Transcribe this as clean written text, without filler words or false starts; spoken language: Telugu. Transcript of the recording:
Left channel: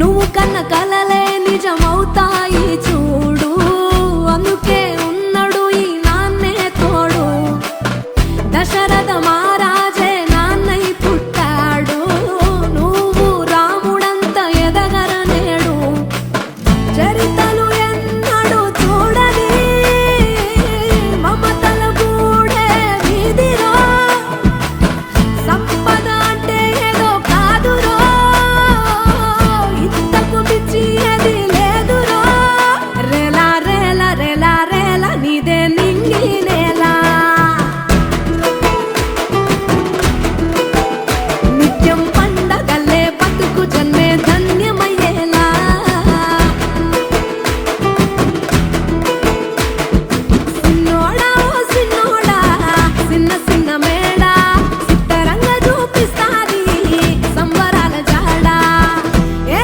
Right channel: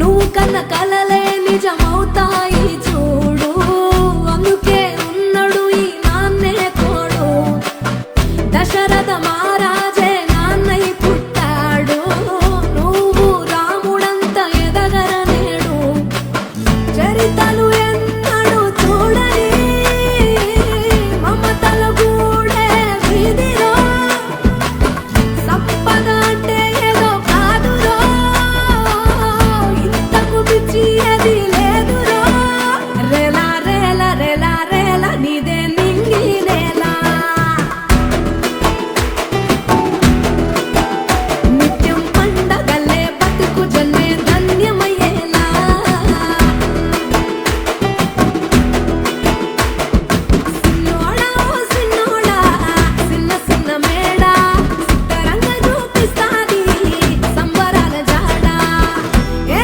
నువ్వు కన్న కలలే నిజమవుతాయి చూడు, అందుకే ఉన్నాడు ఈ నాన్నే తోడు. దశరథ మహారాజే నాన్నై పుట్టాడు, నువ్వు రాముడంత ఎదగ